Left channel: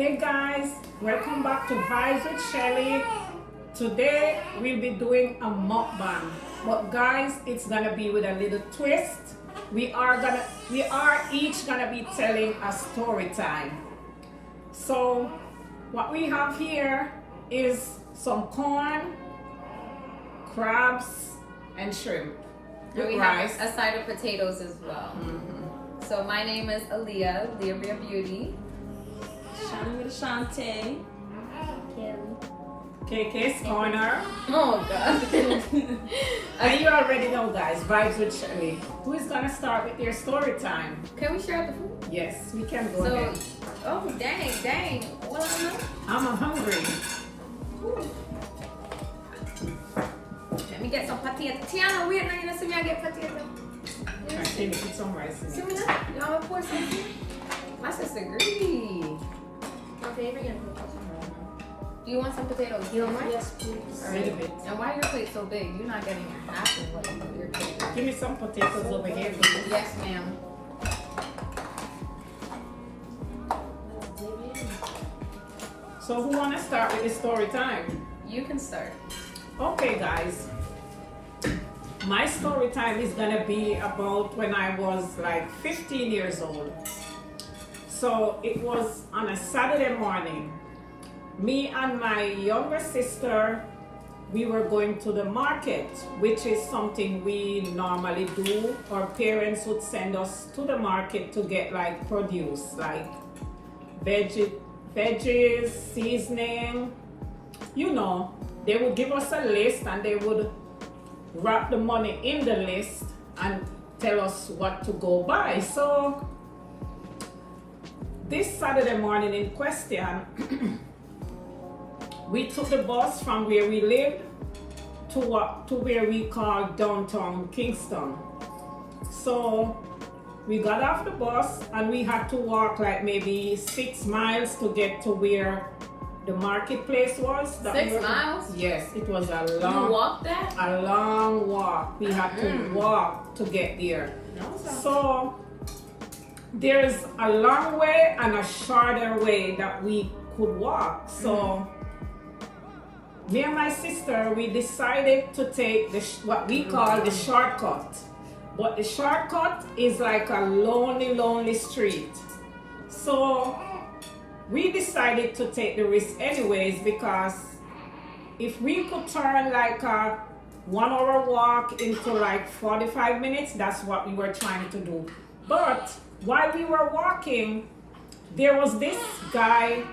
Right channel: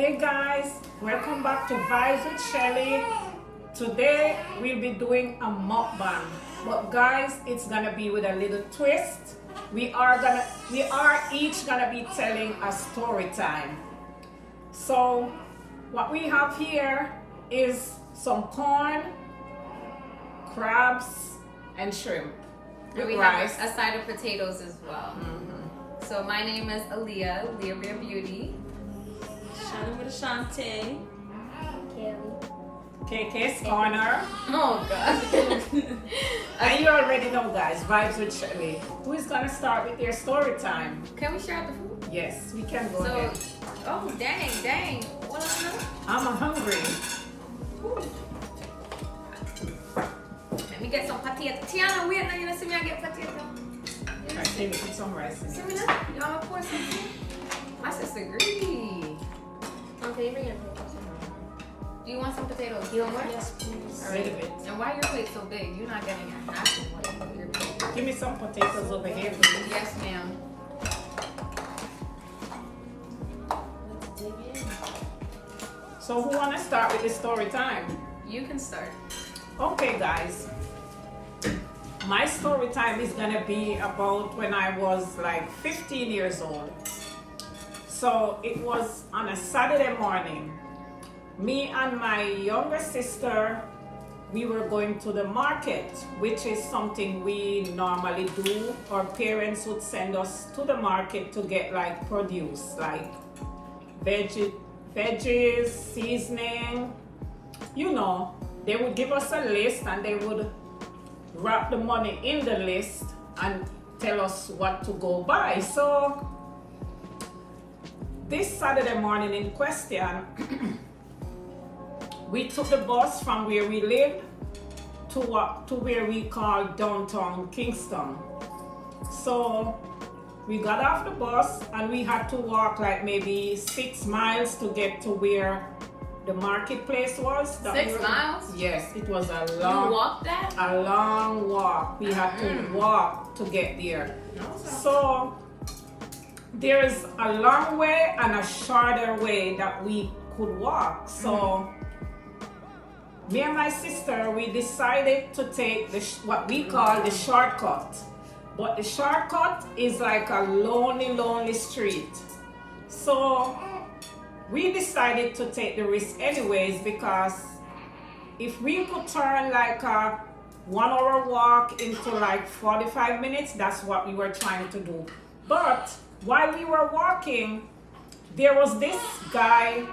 Hey guys, welcome back to Vybz with Shelly. Today we'll be doing a mukbang, but guys, it's gonna be with a little twist. We are each gonna be telling a story time. So what we have here is some corn, crabs, and shrimp. And we have a side of potatoes as well. So my name is Aaliyah, Leah Beauty. Shana with Ashante. KK's Corner. Oh God. And you already know guys, Vybz with Shelly. Who is gonna start with their story time? Can we share the food? Yes, we can go So, ahead. oh dang. What am I? I'm hungry. Let me get some potato. Tiana, wait, now you know, see me I get potato. I think put some rice in See it. me now? Y'all want to pour something? My sister greedy. Okay, we're gonna put some. Do you want some potatoes? You want more? Yes, please. All right. Little bit. And why your plate so big? You're not getting a half of what your plate is. Give me some potatoes over here, please. Yes, ma'am. Let's dig in. So who wanna start with the story time? You can start. Okay guys. My story time is gonna be about when I was like 15 years old. So it was on a Saturday morning. Me and my younger sister, we were going to the market, which is something we normally do. Our parents would send us to the market to get like produce, like veggies, seasoning, you know. They would give us a list and they would wrap the money in the list and tell us what to go buy. So this Saturday morning in question, we took the bus from where we lived to where we call downtown Kingston. So we got off the bus and we had to walk like maybe 6 miles to get to where the marketplace was. 6 miles? Yes, it was a long. You walked that? A long walk. We had to walk to get there. So there's a long way and a shorter way that we could walk. So me and my sister, we decided to take what we call the shortcut. But the shortcut is like a lonely street. So we decided to take the risk anyways, because if we could turn like a 1 hour walk into like 45 minutes, that's what we were trying to do. But while we were walking, there was this guy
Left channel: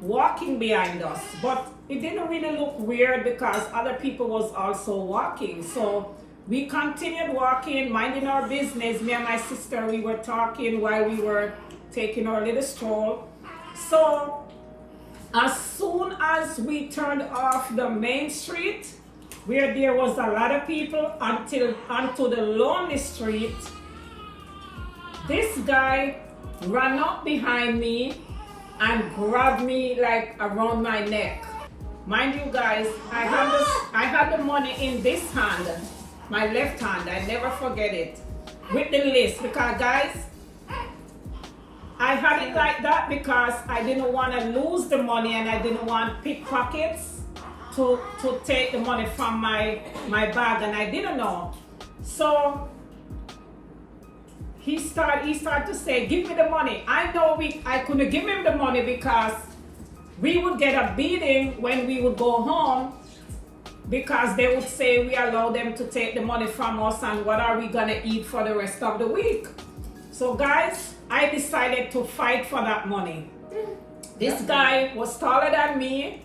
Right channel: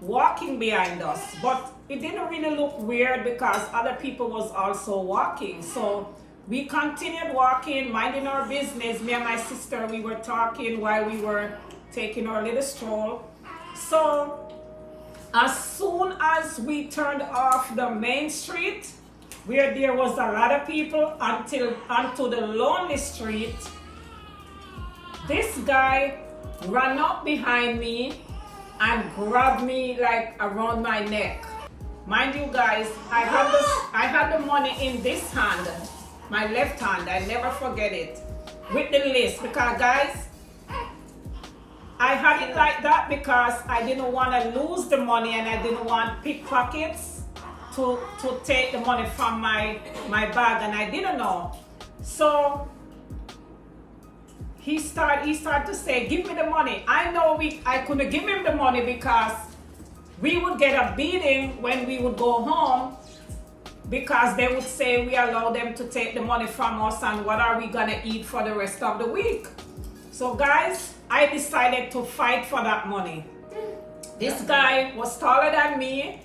walking behind us, but it didn't really look weird because other people was also walking. So we continued walking, minding our business. Me and my sister, we were talking while we were taking our little stroll. So as soon as we turned off the main street, where there was a lot of people, onto the lonely street, this guy ran up behind me and grabbed me like around my neck. Mind you guys, I had the money in this hand, my left hand, I never forget it, with the list, because guys, I had it like that because I didn't want to lose the money and I didn't want pickpockets to take the money from my bag, and I didn't know. So he started to say, give me the money. I know I couldn't give him the money because we would get a beating when we would go home, because they would say we allow them to take the money from us and what are we gonna eat for the rest of the week. So guys, I decided to fight for that money. This guy was taller than me.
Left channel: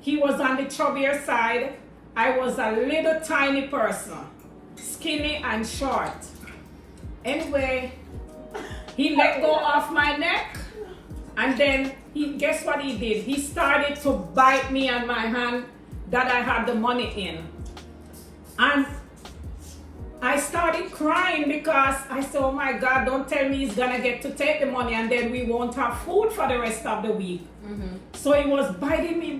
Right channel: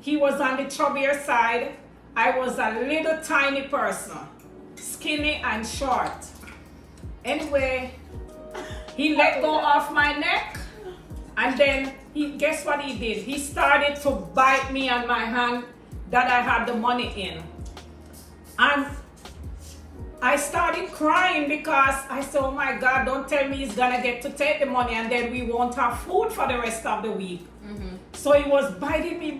He was on the chubbier side. I was a little tiny person, skinny and short. Anyway, he let go of my neck, and then guess what he did? He started to bite me on my hand that I had the money in. And I started crying because I said, oh my God, don't tell me he's gonna get to take the money and then we won't have food for the rest of the week. So he was biting me,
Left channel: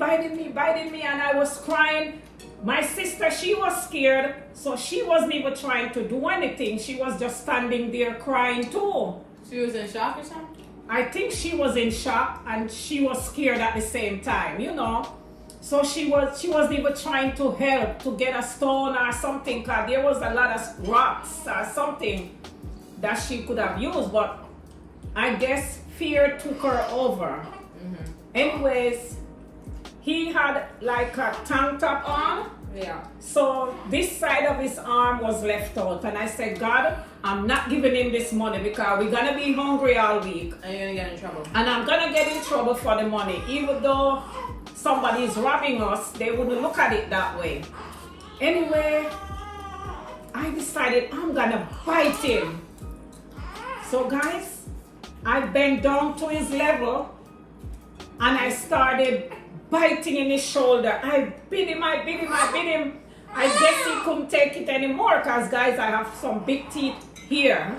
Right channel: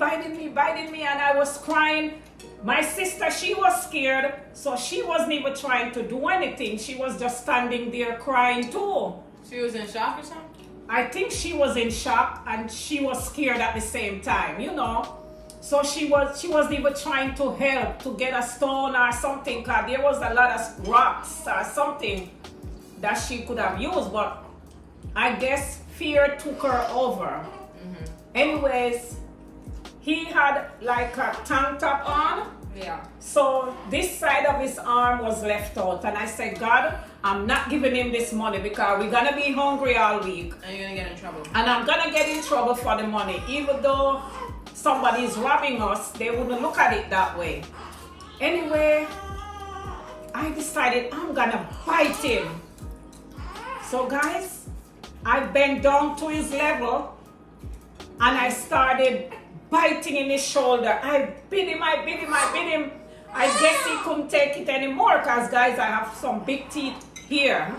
and I was crying. My sister, she was scared, so she wasn't even trying to do anything. She was just standing there crying too. She was in shock or something? I think she was in shock and she was scared at the same time, you know. So she was even trying to help to get a stone or something, because there was a lot of rocks or something that she could have used, but I guess fear took her over. Anyways, he had like a tank top on. Yeah. So this side of his arm was left out, and I said, God, I'm not giving him this money because we're gonna be hungry all week. And you're gonna get in trouble. And I'm gonna get in trouble for the money. Even though somebody is robbing us, they wouldn't look at it that way. Anyway, I decided I'm gonna bite him. So guys, I bent down to his level and I started biting in his shoulder. I bit him. I guess he couldn't take it anymore because, guys, I have some big teeth here.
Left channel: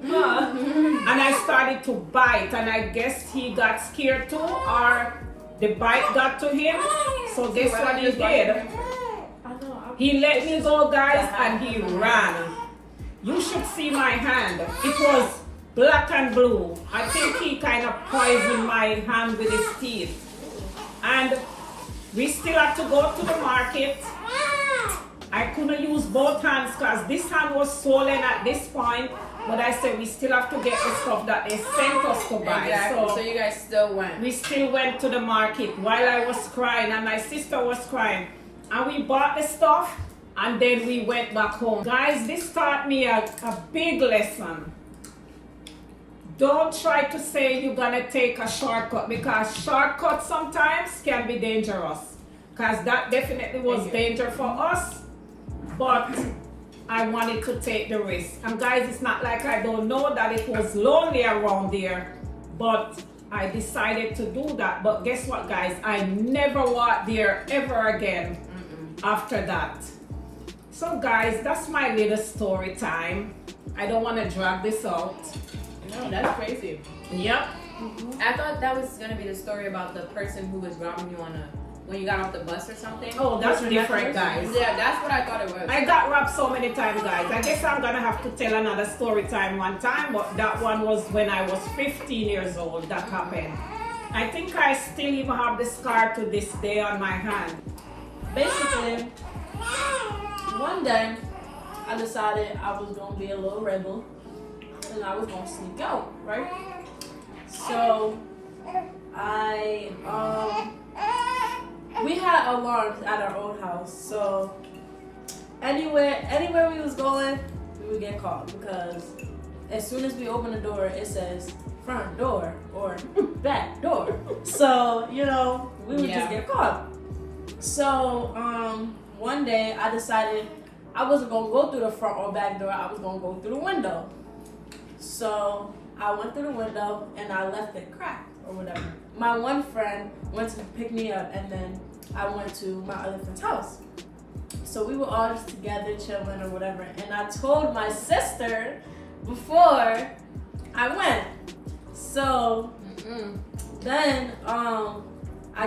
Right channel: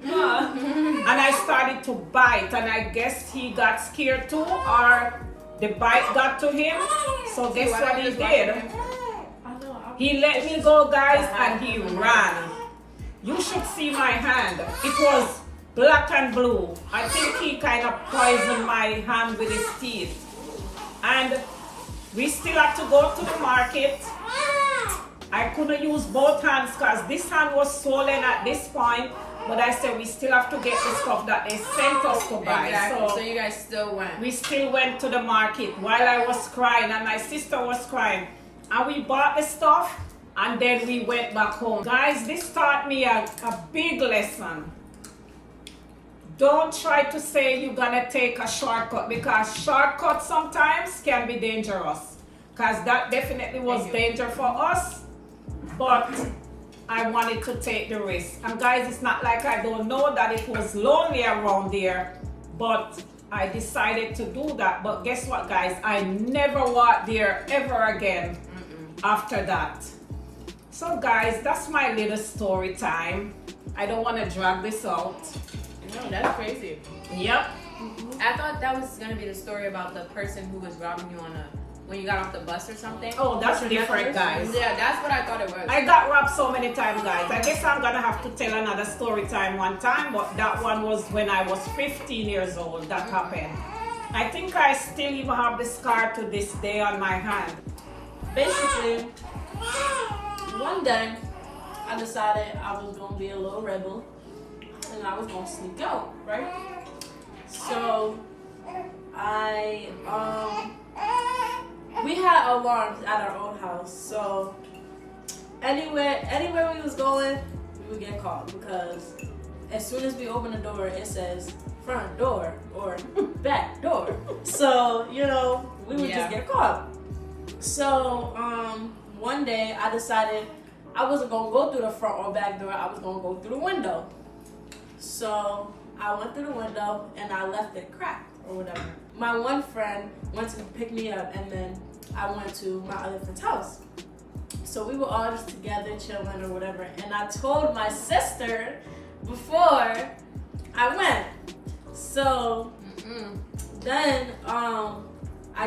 And I started to bite, and I guess he got scared too, or the bite got to him. So guess what he did? He let me go, guys, and he ran. You should see my hand. It was black and blue. I think he kind of poisoned my hand with his teeth. And we still had to go to the market. I couldn't use both hands because this hand was swollen at this point. But I said we still have to get the stuff that they sent us to buy. Exactly. So you guys still went. We still went to the market while I was crying and my sister was crying. And we bought the stuff and then we went back home. Guys, this taught me a big lesson. Don't try to say you're gonna take a shortcut, because shortcuts sometimes can be dangerous. Because that definitely was danger for us. But I wanted to take the risk. And guys, it's not like I don't know that it was lonely around there, but I decided to do that. But guess what, guys? I never walked there ever again after that. So guys, that's my little story time. I don't want to drag this out. No, that's crazy. Yep. I thought that was gonna be the story about the person who was robbing you when you got off the bus or something. Oh, that's different, guys. Yeah, that's what I thought it was. I got robbed so many times, guys. I guess I'm gonna have to tell another story time one time, but that one was when I was 15 years old that happened. I think I still even have the scar to this day on my hand. Basically, one day I decided I was gonna be a little rebel and I was gonna sneak out, right? So we had alarms at our old house, so anywhere we was going, we would get caught, because as soon as we open the door, it says front door or back door. So, you know, we would just get caught. So one day I decided I wasn't gonna go through the front or back door, I was gonna go through the window. So I went through the window and I left it cracked or whatever. My one friend went to pick me up and then I went to my other friend's house. So we were all just together chilling or whatever, and I told my sister before I went. So then I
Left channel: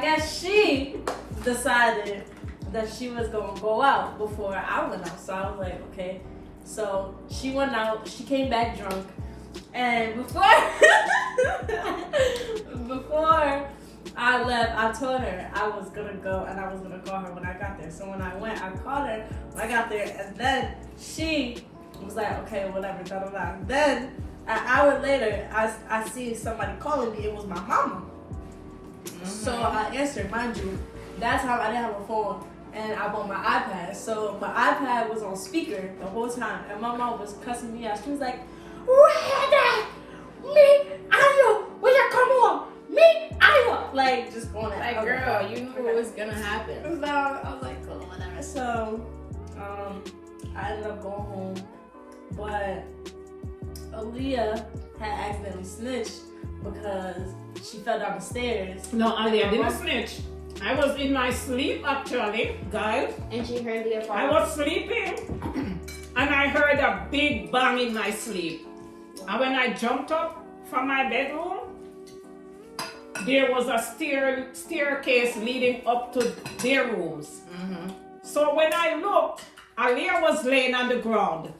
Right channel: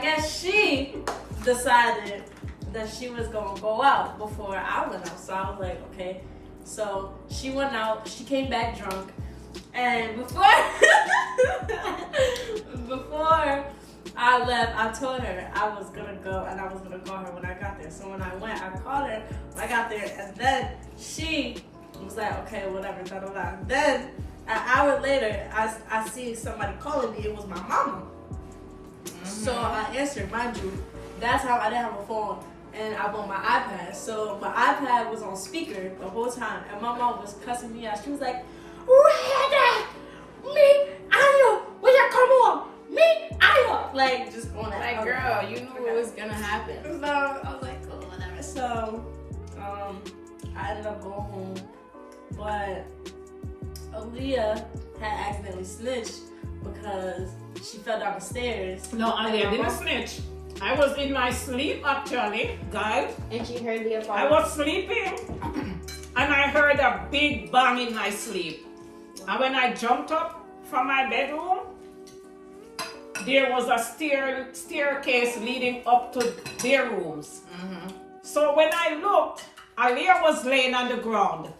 guess she decided that she was gonna go out before I went out. So I was like, okay. So she went out, she came back drunk, and before I left, I told her I was gonna go and I was gonna call her when I got there. So when I went, I called her when I got there, and then she was like, okay, whatever, da da da. Then an hour later, I see somebody calling me. It was my mama. So I answered, mind you, that's how I didn't have a phone. And I bought my iPad. So my iPad was on speaker the whole time. And my mom was cussing me out. She was like, "Where me, Ayo, will you come home? Me, Ayo." Like, just going at like, girl, you knew it was gonna happen. So I was like, cool, whatever. So I ended up going home. But Aaliyah had accidentally snitched because she fell down the stairs. No, Aaliyah didn't snitch. I was in my sleep actually, guys. And she heard your father. I was sleeping and I heard a big bang in my sleep. And when I jumped up from my bedroom, there was a staircase leading up to their rooms. So when I looked, Aaliyah was laying on the ground.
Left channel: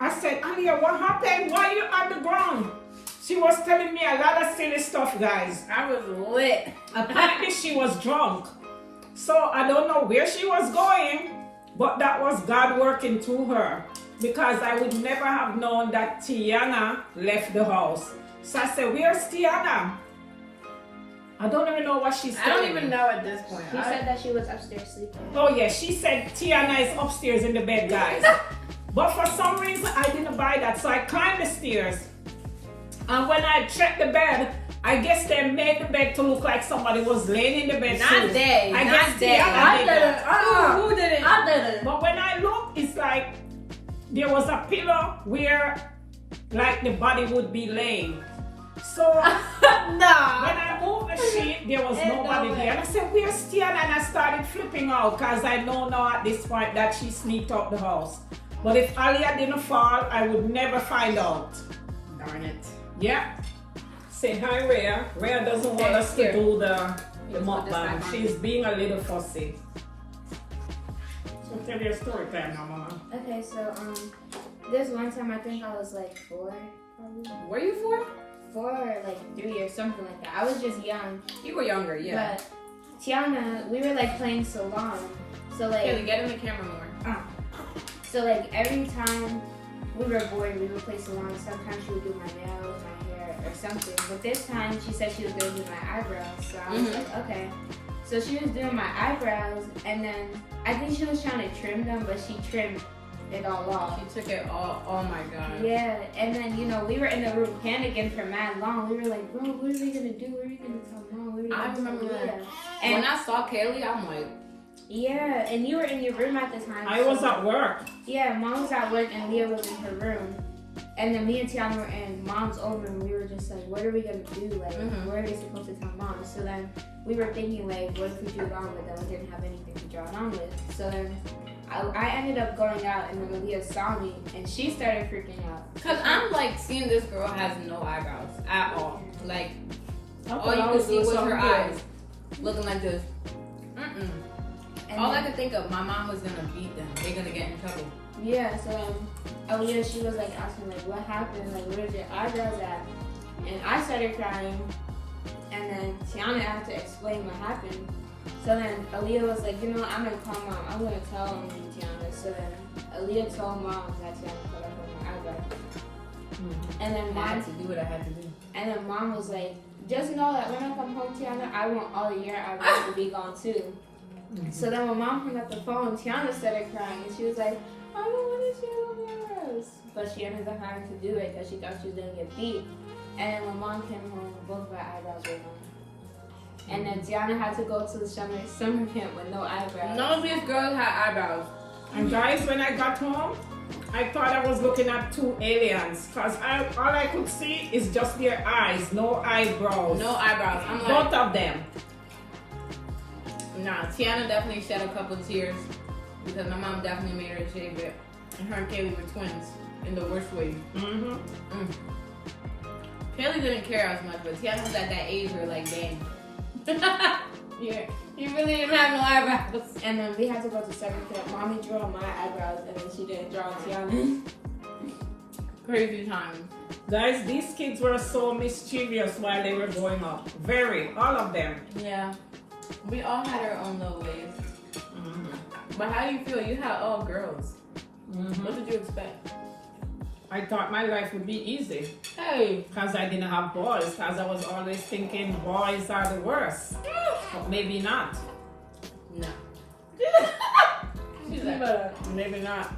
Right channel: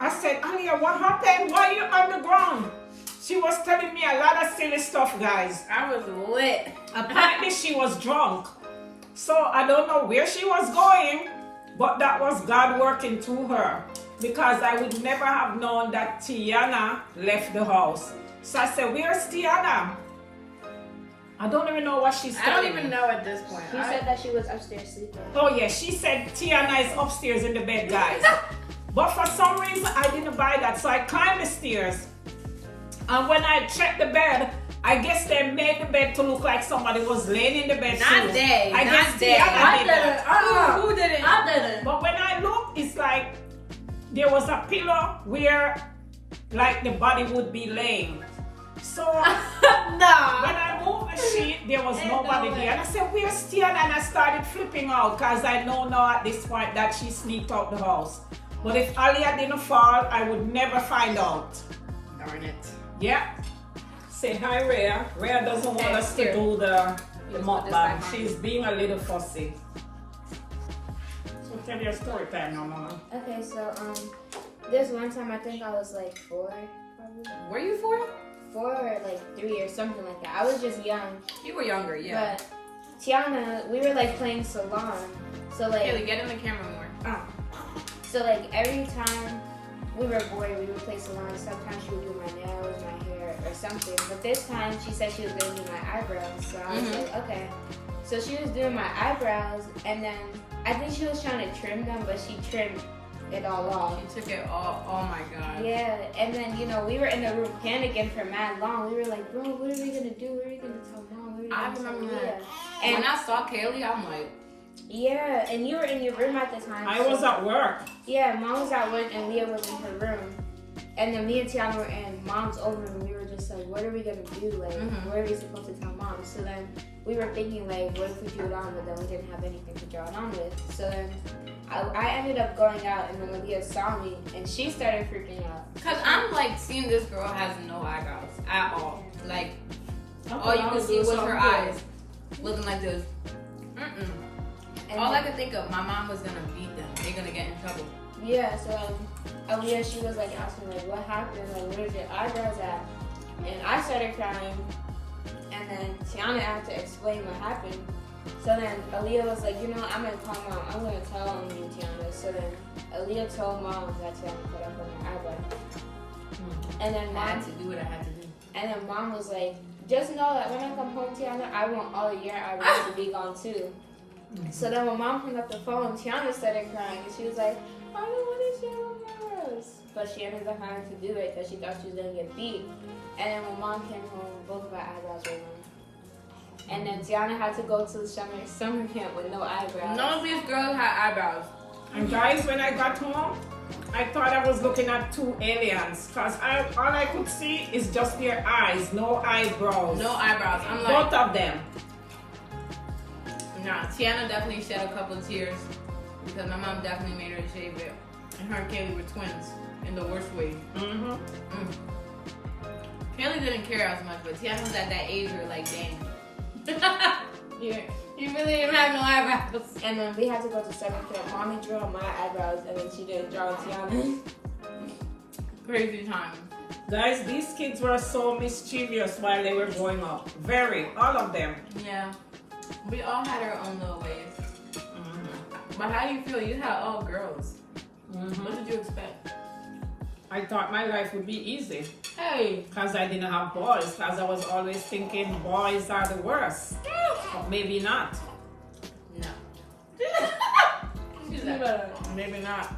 I said, "Aaliyah, what happened? Why are you on the ground?" She was telling me a lot of silly stuff, guys. I was lit. Apparently she was drunk. So I don't know where she was going, but that was God working through her. Because I would never have known that Tiana left the house. So I said, where's Tiana? I don't even know what she's saying. I don't even know at this point. She said that she was upstairs sleeping. Oh yeah, she said Tiana is upstairs in the bed, guys. But for some reason, I didn't buy that. So I climbed the stairs. And when I checked the bed, I guess they made the bed to look like somebody was laying in the bed. Not they. I Not guess they. Tiana did that. Who did it? I did it. But when I looked, it's like there was a pillow where like the body would be laying. So when I moved the sheet, there was nobody there. And I said, where's Tiana? And I started flipping out because I know now at this point that she sneaked out the house. But if Alia didn't fall, I would never find out. Darn it. Yeah. Say hi, Rhea. Rhea doesn't want us to do the mukbang. She's being a little fussy. So tell your story time now, Mama. Okay, so there's one time I think I was like 4, probably. Were you 4? 4 or like 3 or something like that. I was just young. You were younger, yeah. But Tiana, we were like playing salon. So like Kelly, get in the camera more. So like every time we were bored, we would play salon. Sometimes she would do my nails, my hair, or something. But this time she said she was going to do my eyebrows. So I was like, okay. So she was doing my eyebrows, and then I think she was trying to trim them, but she trimmed it all off. She took it all. Oh my god. Yeah, and then, you know, we were in the room panicking for mad long. We were like, bro, what are we gonna do? What are we gonna tell Mom? I remember that. And when I saw Kaylee, I'm like, yeah, and you were in your room at the time. I was at work. Yeah, Mom was at work and Leah was in her room. And then me and Tiana were in Mom's over and we were just like, what are we gonna do? Like, what are we supposed to tell Mom? So then we were thinking like, what if we drew it on? But then we didn't have anything to draw it on with. So then I ended up going out and then Leah saw me and she started freaking out. cause I'm like seeing this girl has no eyebrows at all. Like all you could see was her eyes looking like this. And all I could think of, my mom was gonna beat them. They're gonna get in trouble. yeah, so Aaliyah, she was like asking like, what happened? Like, where's your eyebrows at? And I started crying. And then Tiana had to explain what happened. So then Aaliyah was like, you know, I'm gonna call Mom. I'm gonna tell on you, Tiana. So then Aaliyah told Mom that Tiana put up on my eyebrow. And then I had Mom, to do what I had to do. and then Mom was like, just know that when I come home, Tiana, I want all your eyebrows to be gone too. So then when Mom hung up the phone, Tiana started crying. She was like, I don't want to see your eyebrows. But she ended up having to do it because she thought she was going to get beat. And then when Mom came home, both of her eyebrows were gone. And then Tiana had to go to the summer camp with no eyebrows. None of these girls had eyebrows. And guys, when I got home, I thought I was looking at 2 aliens. Because all I could see is just their eyes, no eyebrows. No eyebrows. I'm like, Both of them. nah, Tiana definitely shed a couple tears because my mom definitely made her shave it. And her and Kaylee were twins in the worst way. Kaylee didn't care as much, but Tiana was at that age where like, dang. Yeah. You really didn't have no eyebrows. And then we had to go to summer camp. Mommy drew on my eyebrows and then she didn't draw on Tiana. Crazy time. Guys, these kids were so mischievous while they were growing up. Very. All of them. Yeah. We all had our own little ways. But how do you feel? You had all girls. What did you expect? I thought my life would be easy. Hey. Because I didn't have boys. Because I was always thinking boys are the worst. But maybe not. No. She's like, maybe not.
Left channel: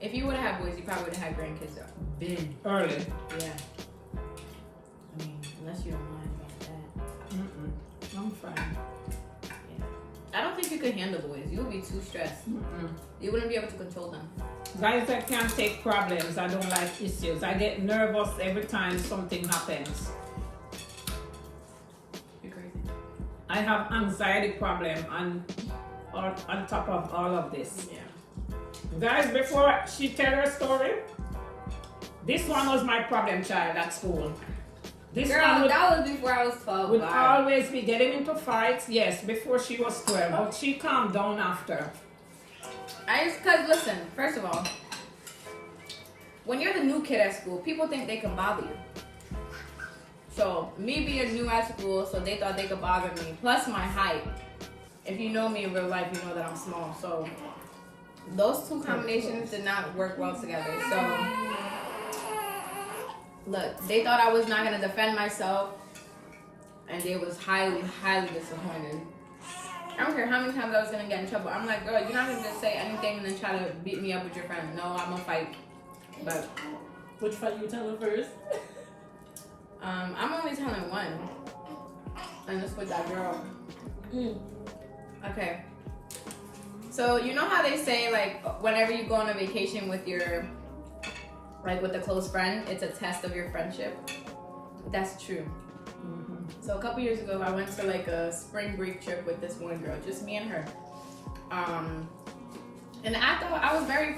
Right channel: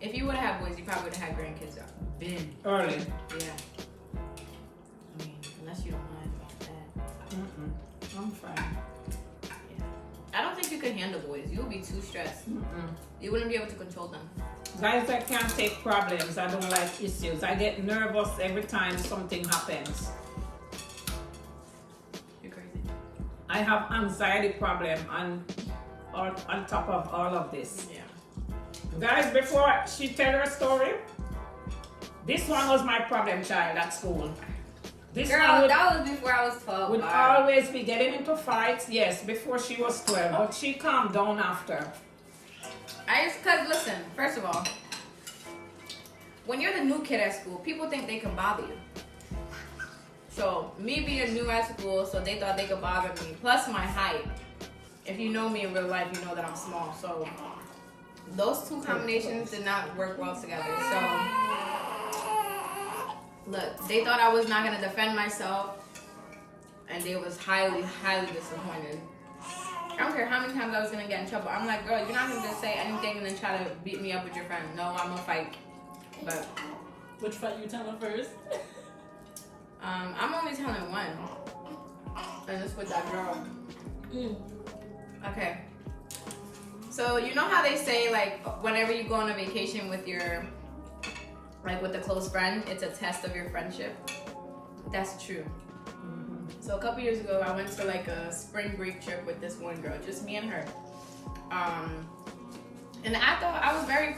If you would have had boys, you probably would have had grandkids been Early. Yeah. I mean, unless you don't mind about that. I'm fine. Yeah. I don't think you could handle boys. You would be too stressed. You wouldn't be able to control them. Guys, I can't take problems. I don't like issues. I get nervous every time something happens. You're crazy. I have anxiety problem on top of all of this. Yeah. Guys, before she tell her story, this one was my problem child at school. This Girl, one that was before I was 12. would always be getting into fights. Yes, before she was 12, but she calmed down after. Cause listen, first of all, when you're the new kid at school, people think they can bother you. So me being new at school, so they thought they could bother me. Plus my height. If you know me in real life, you know that I'm small. So those two combinations did not work well together. So look, they thought I was not gonna defend myself, and they was highly, highly disappointed. I don't care how many times I was gonna get in trouble. I'm like, girl, you're not gonna just say anything and then try to beat me up with your friend. No, I'm gonna fight. But which fight you telling first? I'm only telling one, and it's with that girl. Okay. So you know how they say, like, whenever you go on a vacation with your, like, with a close friend, it's a test of your friendship. That's true. So a couple years ago, I went to like a spring break trip with this one girl, just me and her. And I thought I was very,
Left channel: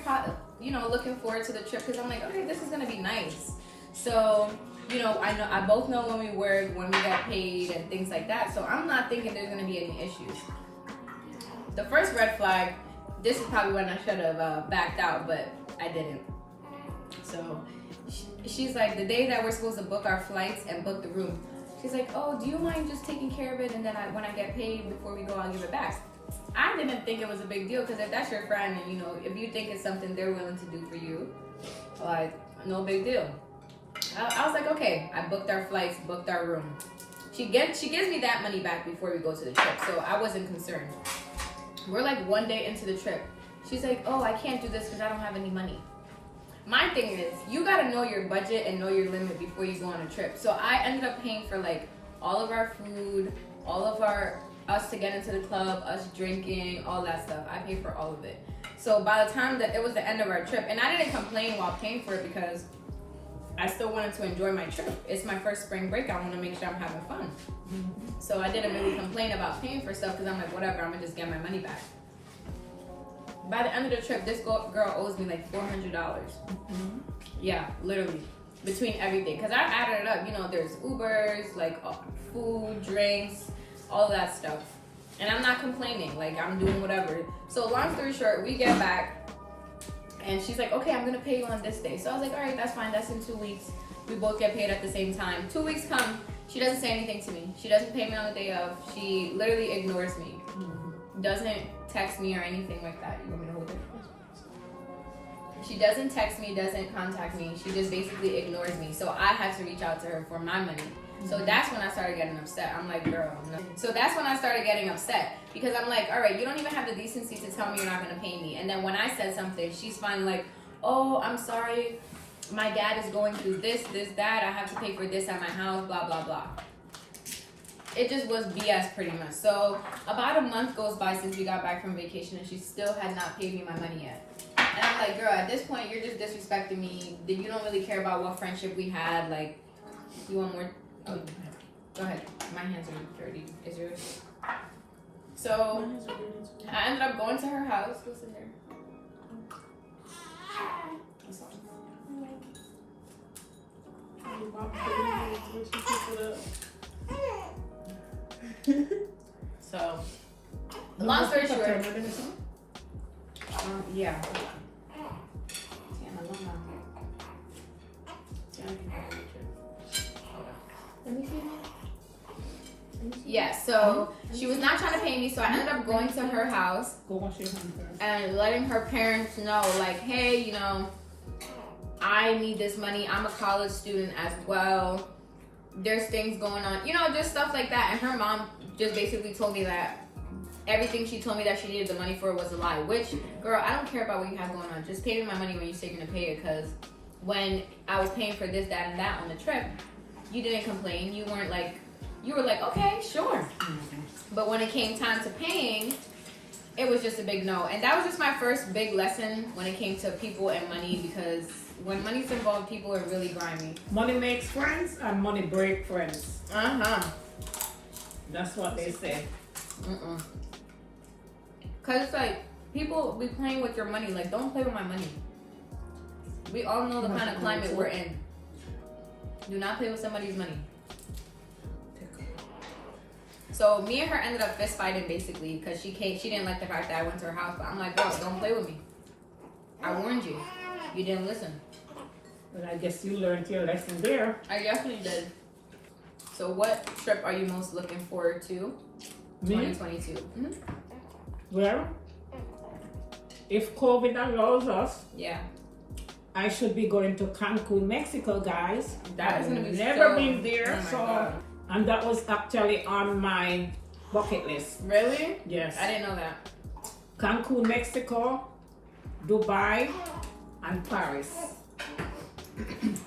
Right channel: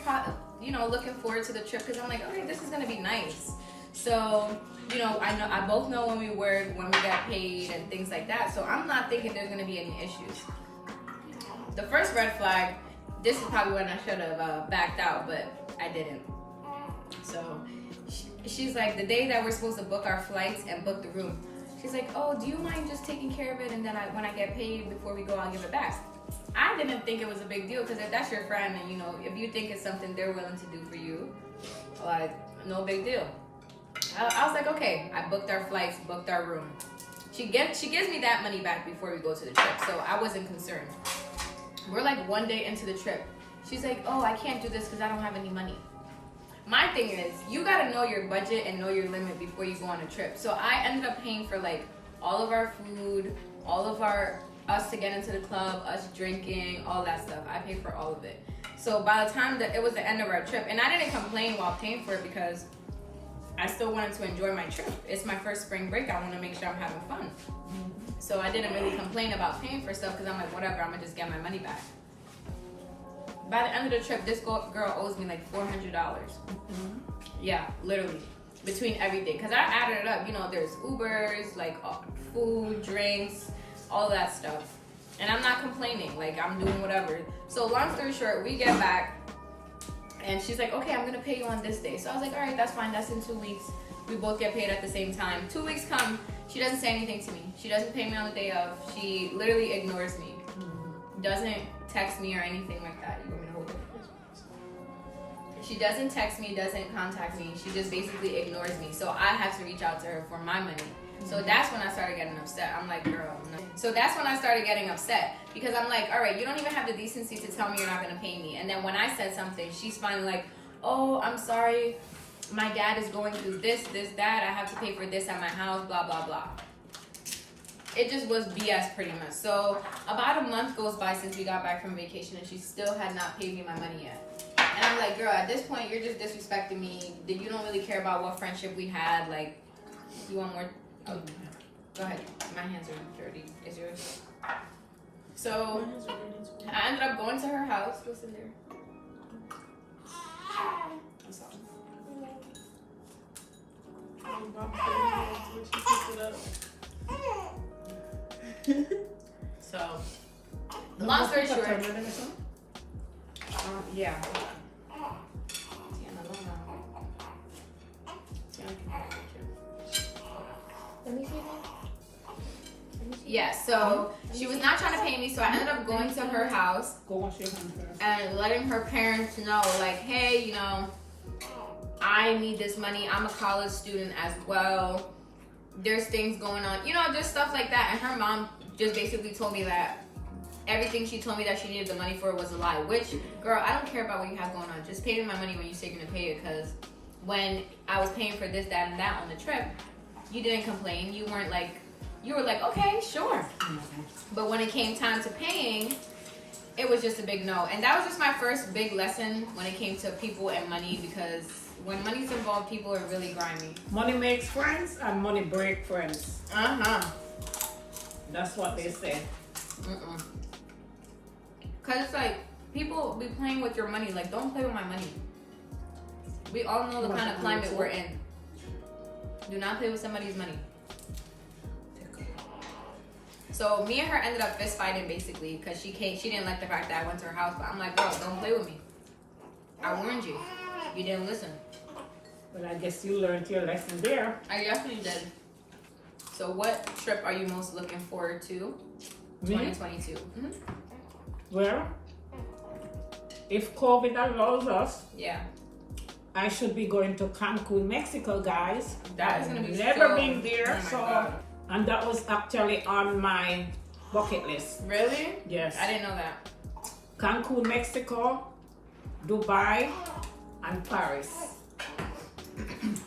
looking forward to the trip because I'm like, okay, this is gonna be nice. So, I both know when we work, when we got paid, and things like that. So I'm not thinking there's gonna be any issues. The first red flag, this is probably when I should have backed out, but I didn't. So she's like, the day that we're supposed to book our flights and book the room, she's like, oh, do you mind just taking care of it, and then when I get paid before we go, I'll give it back. I didn't think it was a big deal, because if that's your friend and if you think it's something they're willing to do for you, like, no big deal. I was like, okay. I booked our flights, booked our room. She gives me that money back before we go to the trip, so I wasn't concerned. We're like one day into the trip. She's like, oh, I can't do this because I don't have any money. My thing is, you gotta know your budget and know your limit before you go on a trip. So I ended up paying for like all of our food, all of us to get into the club, us drinking, all that stuff. I paid for all of it. So by the time that it was the end of our trip, and I didn't complain while paying for it because I still wanted to enjoy my trip. It's my first spring break. I want to make sure I'm having fun. So I didn't really complain about paying for stuff because I'm like, whatever, I'm gonna just get my money back. By the end of the trip, this girl owes me like $400. Yeah, literally, between everything. Because I added it up. There's Ubers, like food, drinks, all of that stuff. And I'm not complaining. Like, I'm doing whatever. So long story short, we get back. And she's like, okay, I'm going to pay you on this day. So I was like, all right, that's fine. That's in 2 weeks. We both get paid at the same time. 2 weeks come. She doesn't say anything to me. She doesn't pay me on the day of. She literally ignores me. Doesn't text me or anything like that. You want me to hold it? She doesn't text me, doesn't contact me. She just basically ignores me. So I have to reach out to her for my money. So that's when I started getting upset. I'm like, girl, no. So that's when I started getting upset because I'm like, all right, you don't even have the decency to tell me you're not going to pay me. And then when I said something, she's finally like, oh, I'm sorry. My dad is going through this, that. I have to pay for this at my house, blah, blah, blah. It just was BS pretty much. So about a month goes by since we got back from vacation and she still had not paid me my money yet. And I'm like, girl, at this point, you're just disrespecting me. You don't really care about what friendship we had. Like, you want more? Oh, go ahead. My hands are dirty. Is yours? So I ended up going to her house. What's in there? That's all. So, long story short, yeah. Yeah, so she was not trying to pay me, so I ended up going to her house and letting her parents know, like, hey, I need this money. I'm a college student as well. There's things going on, just stuff like that. And her mom just basically told me that everything she told me that she needed the money for was a lie. Which, girl, I don't care about what you have going on. Just pay me my money when you say you're gonna pay it. Because when I was paying for this, that, and that on the trip, you didn't complain. You were like, okay, sure. But when it came time to paying, it was just a big no. And that was just my first big lesson when it came to people and money, because when money's involved, people are really grimy. Money makes friends and money break friends. That's what they say. Cause it's like, people be playing with your money. Like, don't play with my money. We all know the kind of climate we're in. Do not play with somebody's money. So me and her ended up fist fighting basically because she didn't like the fact that I went to her house. But I'm like, bro, don't play with me. I warned you. You didn't listen. But I guess you learned your lesson there. I definitely did. So what trip are you most looking forward to? Me? 2022. Mm-hmm. Well, if COVID allows us, Yeah. I should be going to Cancun, Mexico, guys. That is gonna be never so- been there, oh my so God. and that was actually on my bucket list. Really? Yes. I didn't know that. Cancun, Mexico, Dubai, and Paris.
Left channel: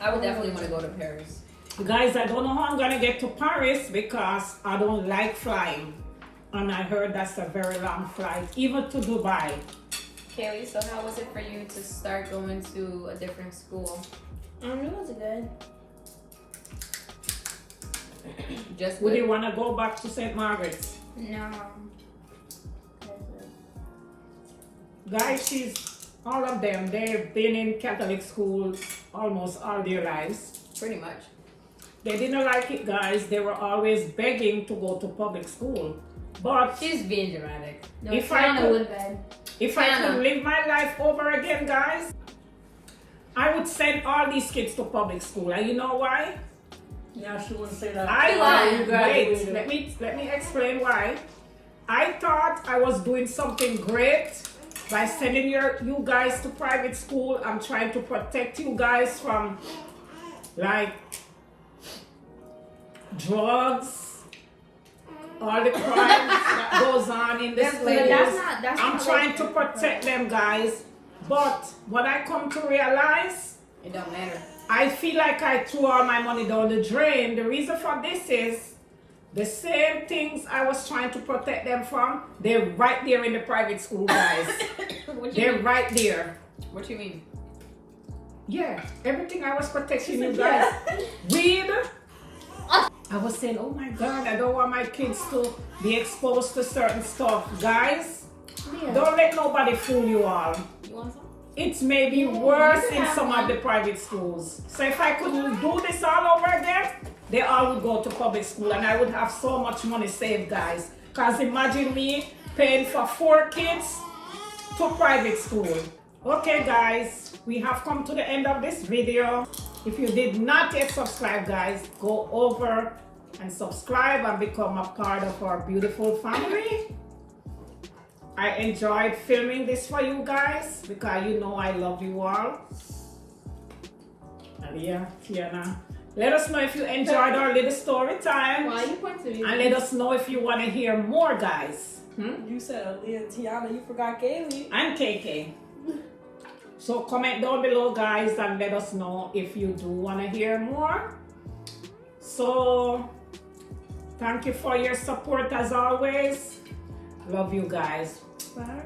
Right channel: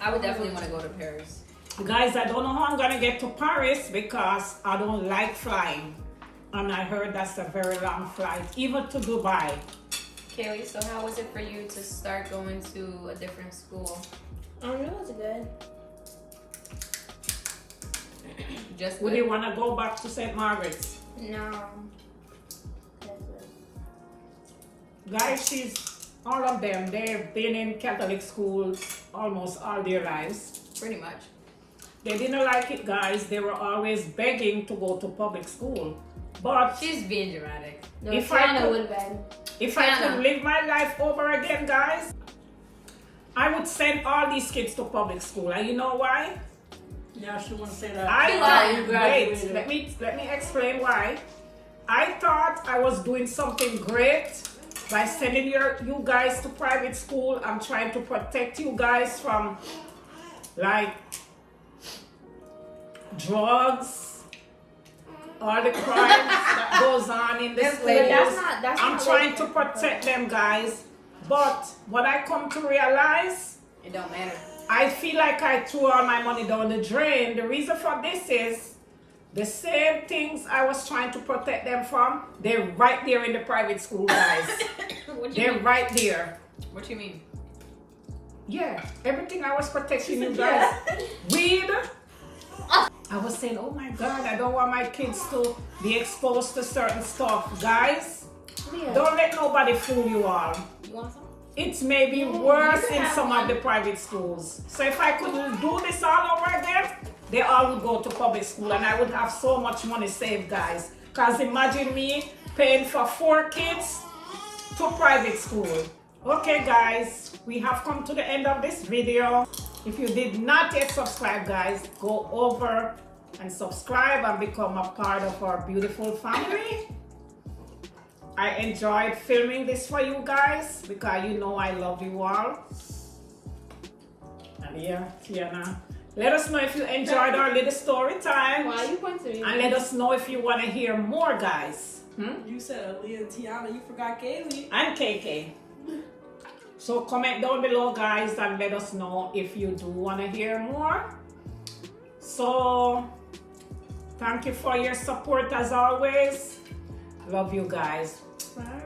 I would definitely want to go to Paris. Guys, I don't know how I'm gonna get to Paris because I don't like flying. And I heard that's a very long flight, even to Dubai. Kaylee, so how was it for you to start going to a different school? It was good. Just Would good? you wanna go back to St. Margaret's? No. Guys, all of them, they've been in Catholic school almost all their lives. Pretty much. They didn't like it, guys. They were always begging to go to public school. But She's being dramatic. No, If I Tiana could- would have been. if I Tiana. could live my life over again, guys, I would send all these kids to public school. And you know why? Yeah, she wouldn't say that. Wait, let me explain why. I thought I was doing something great by sending you guys to private school. I'm trying to protect you guys from like drugs, all the crimes that goes on in the Them schools. ladies. That's I'm not trying what- to protect them, guys. But what I come to realize, It don't matter. I feel like I threw all my money down the drain. The reason for this is the same things I was trying to protect them from, they're right there in the private school, guys. What you They're mean? right there. What you mean? Yeah, everything I was protecting you guys. Weed. I was saying, oh my God, I don't want my kids to be exposed to certain stuff. Guys, Yeah. don't let nobody fool you all. You want some? It's maybe worse you can in have some of one. the private schools. So if I could do this all over again, they all would go to public school and I would have so much money saved, guys. Because imagine me paying for 4 kids to private school. Okay, guys, we have come to the end of this video. If you did not yet subscribe, guys, go over and subscribe and become a part of our beautiful family. I enjoyed filming this for you guys because you know I love you all. And yeah, Tiana, let us know if you enjoyed our little story time. Why you point to me? And let us know if you want to hear more, guys. You said Aaliyah and Tiana, you forgot Kaylee. And KK. So comment down below, guys, and let us know if you do want to hear more. So thank you for your support as always. Love you guys. Bye.